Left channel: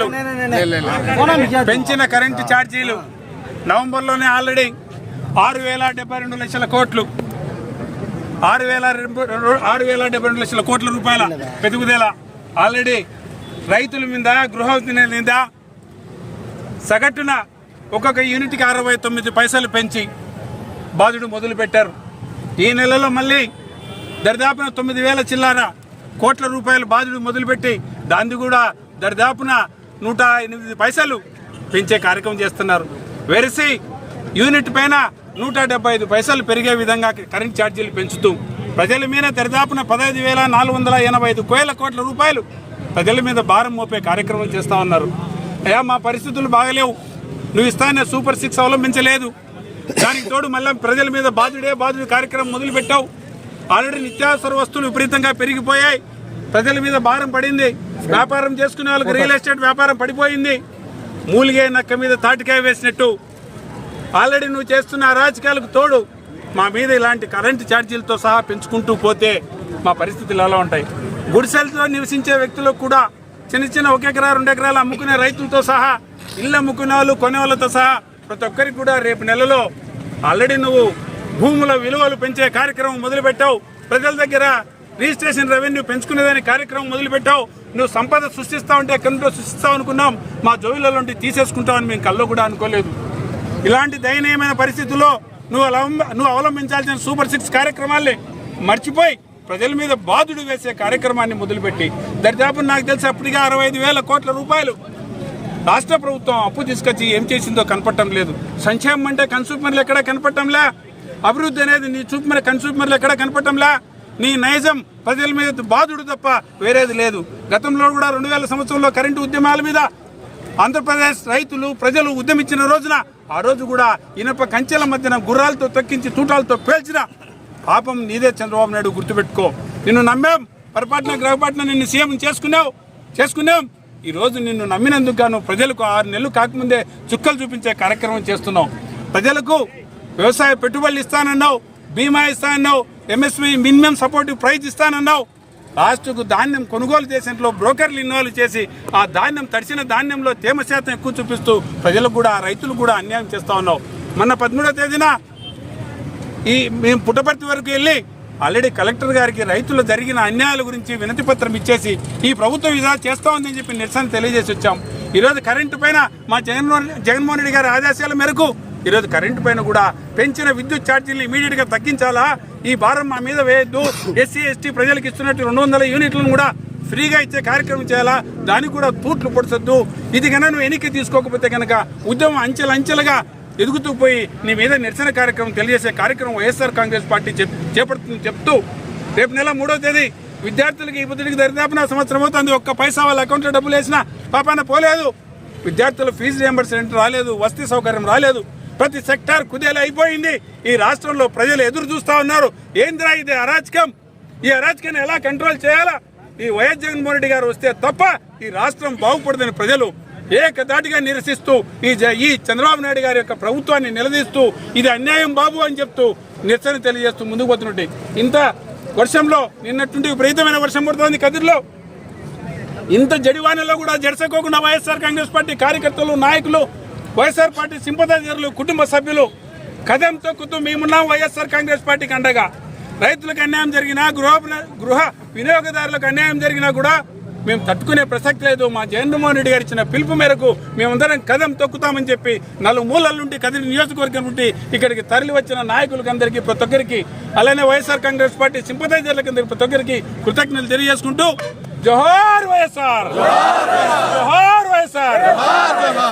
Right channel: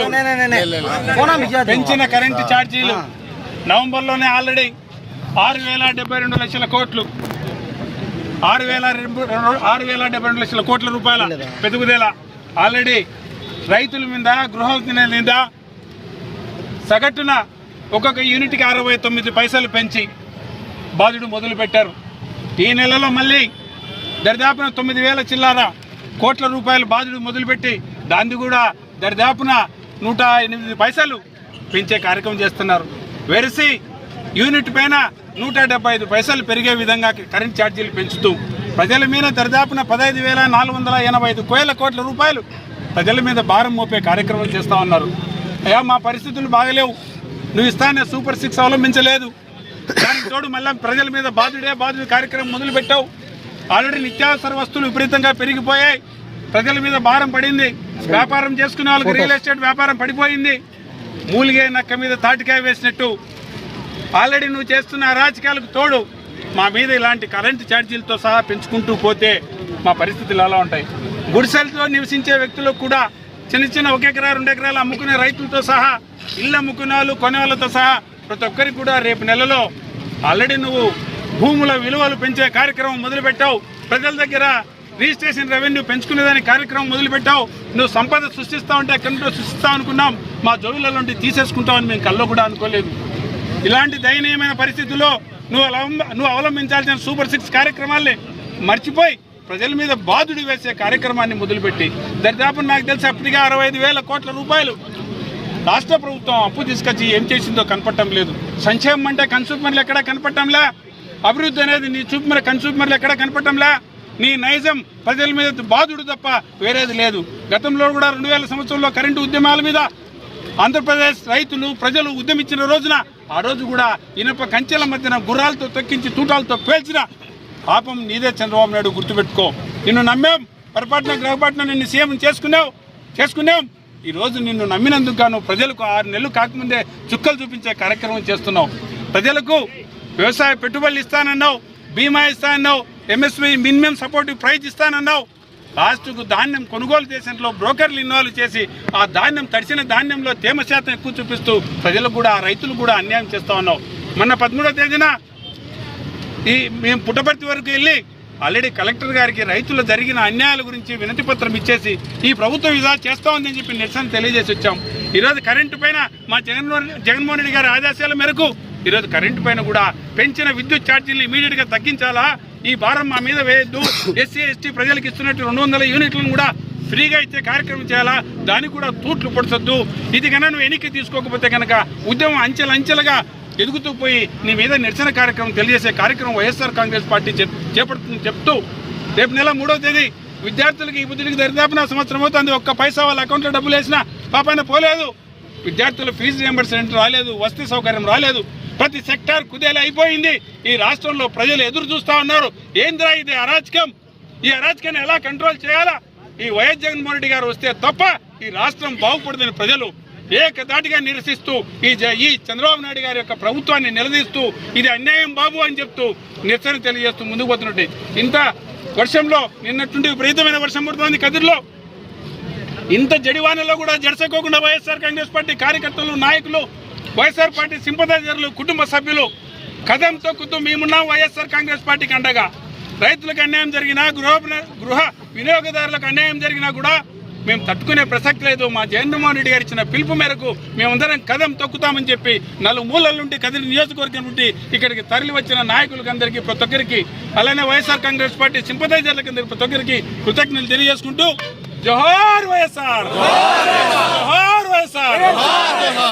జీతాలు పెంచిన కరెంటు ఛార్జీలు నవంబర్లోనే ఆల్రెడీ ఆరు వేల డెబ్బై రెండు లక్షల కోట్లు ఆరు వేల ఆరు వేల డెబ్బై రెండు లక్షల కోట్ల రూపాయల పెరుగుదల ఆల్రెడీ రైతుల మీద గృహ మీద సగటున ఒక్కొక్క యూనిట్కి అరవై తొమ్మిది పైసలు పెంచి బాధుడు మొదలుపెట్టారు ఈ నెలలో మళ్ళీ దరిదాపున తొమ్మిది వేల చిల్లార కోట్ల రూపాయలు బాధుడు మొదలుపెట్టి దాన్ని కూడా దరిదాపున నూట ఎనిమిది పైసలు పెంచే కార్యక్రమం చేస్తున్నారు వెరిసి యూనిట్ పైన నూట డెబ్బై ఐదు పైసలు పెరిగే విధంగా కరెంట్ ఛార్జీలు పెంచుతూ ప్రజల మీద దరిదాపున పదహైదు వేల నాలుగు వందల ఎనభై ఐదు కోట్ల కోట్ల రూపాయలు ప్రజల మీద భారం మోపే కార్యక్రమం చేస్తూ ఉన్నారు అయ్యా మా పరిస్థితులు బాగలేవు నువ్వు ఇస్తానే సూపర్ సిక్స్ అవలంబించలేదు దానికి తోడు మళ్ళీ ప్రజల మీద బాధుడే బాధుడు కార్యక్రమం మొదలుపెట్టావు ఆల్రెడీ నిత్యావసర వస్తువులు విపరీతంగా పెరిగిపోయాయి ప్రజల మీద భారం పడింది వ్యాపారం చేసుకునే వాళ్ళకి రియల్ ఎస్టేట్ వ్యాపారం పడిపోయింది మూలిగే నక్క మీద తాటికాయ వేసినట్టు ఆల్రెడీ నువ్వు చేస్తున్న అరాచకాలకు తోడు మా మీద ఇలాంటి కరెంటు ఛార్జీలతో సహా పెంచుకుంటూ పోతే మా పరిస్థితులు ఎలా ఉంటాయి గుడిసెలతో నివసించే వ్యక్తులకు కూడా చిన్న చిన్న ఒక ఎకరా రెండు ఎకరాలు అమ్ముకునే రైతులతో సహా ఇళ్ళు అమ్ముకునే వాళ్ళు వాళ్ళతో సహా ప్రతి ఒక్కరికి కూడా రేపు నెలలో ఆల్రెడీ నువ్వు భూముల విలువలు పెంచే కార్యక్రమం మొదలుపెట్టావు ప్రజల దగ్గర రిజిస్ట్రేషన్ రెవెన్యూ దాని కార్యక్రమం మొదలుపెట్టావు నువ్వు సంపద సృష్టిస్తావు అంటే కమిటీలో సృష్టిస్తావు అనుకున్నాం మా జోలిలో నుండి తీసేసుకుంటామని మేము కల్లో కూడా అనుకోలేదు ఇలాంటి దయనీయమైన పరిస్థితుల్లో నువ్వు నువ్వు అవలంబించాల్సిన సూపర్ సిక్స్ కార్యక్రమాల్ని మర్చిపోయి ప్రజల మీద బాధుడు వేసే కార్యక్రమాన్ని మొదలుపెట్టి దరిదాపు నాకు తెలిసి అప్పటికే అరవై ఐదు వేల కోట్ల రూపాయలు రాష్ట్ర ప్రభుత్వం అప్పు తీసుకొచ్చి ఏం చేసిందో కనపడటం లేదు సంక్షేమం అంటే కన్సూమర్లు ఎక్కడా కనపడటంలా అభివృద్ధి అనేది నీ చూపు మరి కన్సూమర్లు ఎక్కడా కనపడటంలా నీ నైజం ప్రజల మీద బాధుడు తప్ప వేరేది లేదు గతంలో కూడా రెండు వేల సంవత్సరంలో కరెంటు ఉద్యమాల మీద ఆంధ్రప్రదేశ్ రైతులు ప్రజలు ఉద్యమించిన రోజున ఆ రోజు కూడా ఇనప కంచెల మధ్యన గుర్రాలతో తొక్కించి తూటాలతో పేల్చిన పాపం నీదే చంద్రబాబు నాయుడు గుర్తుపెట్టుకో నిన్ను నమ్మాం పొరపాటున గ్రహపాటున నిన్ను సీఎం చేసుకున్నావు చేసుకున్నాం ఈరోజు నిన్ను నమ్మినందుకు గాను ప్రజలకు ఆరు నెలలు కాకముందే చుక్కలు చూపించే కార్యక్రమం చేస్తున్నావు ప్రజలకు వ్యవసాయ పెట్టుబడులు ఇస్తానన్నావు బీమా ఇస్తానన్నావు ఎంఎస్వి మినిమం సపోర్ట్ ప్రైజ్ ఇస్తానన్నావు లాస్ట్కు ధాన్యం కొనుగోలు చేసేట్లో బ్రోకర్లు ఇన్వాల్వ్ చేసి ఆ ధాన్యం తడిసిన ధాన్యంలో తేమ శాతం ఎక్కువ చూపిస్తూ ప్రజలకు కూడా రైతులు కూడా అన్యాయం చేస్తూ ఉన్నావు మొన్న పదమూడో తేదీన ఈ మేము పుట్టపర్తి వరకు వెళ్ళి ఆల్రెడీ కలెక్టర్ గారికి రైతులు జరిగిన అన్యాయాల గురించి వినతి పత్రం ఇచ్చేసి ఈ ప్రభుత్వం ఇదా చేస్తా ఉందని చెప్పి నిరసన తెలియజేసి వచ్చాం ఈరోజు కరెంటు పైన మా జగన్మోహన్ జగన్మోహన్ రెడ్డి గారి ఆదేశాల మేరకు ఈరోజు కరెంటు పైన కూడా పెంచిన విద్యుత్ ఛార్జీలు గా తగ్గించాలా ఈ భారం మా మీద వేయద్దు ఎస్సీ ఎస్టీ ప్రజలకు ఇస్తున్నట్టు రెండు వందల యూనిట్లను కూడా ఫ్రీగా ఇచ్చే కార్యక్రమం చేయాలా దానికి కూడా తూట్లు పొడిసొద్దు ఇది కనుక నువ్వు ఎన్నిక తీసుకోకపోతే కనుక ఉద్యమం అంచెలుగా ఎదుగుతూ పోయి నీ మీద నిరసన కార్యక్రమం తెలియజేసే కార్యక్రమం వైఎస్ఆర్ కాంగ్రెస్ పార్టీ చేపడుతుంది చెప్తూ రేపు నెల మూడో తేదీ విద్యార్థులకి ఈ బుద్ధుడికి నా సంవత్సరం అవుతుంది ఒక్క పైసా వాళ్ళ అకౌంట్లో డబ్బులు వేసినా పాపాన పోలేదు విద్యార్థుల ఫీజు రియంబర్స్మెంట్ రాలేదు వసతి సౌకర్యం రాలేదు ప్రతి సెక్టార్ కుదేలు అయిపోయింది ఈ రాష్ట్రంలో ప్రజలు ఎదురు చూస్తూ ఉన్నారు ఏందిరా ఇది అరాచకం ఈ అరాచకాన్ని ఎలా కంట్రోల్ చేయాలా ఈ వైఎస్ జగన్మోహన్ రెడ్డి గారు వస్తే తప్ప ఈ రాష్ట్రం బాగుపడదని ప్రజలు ఏకదాటిగా నిరసిస్తూ ఈ ఈ చంద్రబాబు నాయుడు గారి యొక్క ప్రభుత్వాన్ని నిలదీస్తూ ఇది అన్యాయం బాబు అని చెప్తూ నిరసన తెలియజేస్తూ ముందుకు పోతున్నట్టు ఇంత వర్షంలో నిన్నటువంటి విపరీతమైన వర్షం పడుతోంది కదిరిలో ఇంత జడివానలో కూడా జడసకోకుండా వైఎస్ఆర్ కాంగ్రెస్ పార్టీ కార్యకర్తలు నాయకులు వైఎస్ఆర్ పార్టీ సింపదైజర్లు కుటుంబ సభ్యులు కథం తొక్కుతూ మేమున్నాం వైఎస్ఆర్ కాంగ్రెస్ పార్టీకి అండగా రైతులకు అన్యాయం జరిగినా గృహ గృహ వినియోగదారులకు అన్యాయం జరిగినా కూడా మేము తట్టుకునే ప్రసక్తి లేదు మా జగన్మోహన్ రెడ్డి గారు ఇచ్చిన పిలుపు మేరకు మేమందరం కథం తొక్కుతామని చెప్పి నలుగు మూలల నుండి కదిలి నియోజకవర్గం నుండి ఇక్కడికి తరలి వచ్చిన నాయకులకు అందరికీ ప్రతి ఒక్కరికి అలానే వైఎస్ఆర్ కాంగ్రెస్ పార్టీ సింపదైజర్లకి అందరికీ ప్రతి ఒక్కరికి కృతజ్ఞతలు తెలియజేసుకుంటూ జోహార్ వైఎస్ఆర్ జోహార్ వైఎస్ఆర్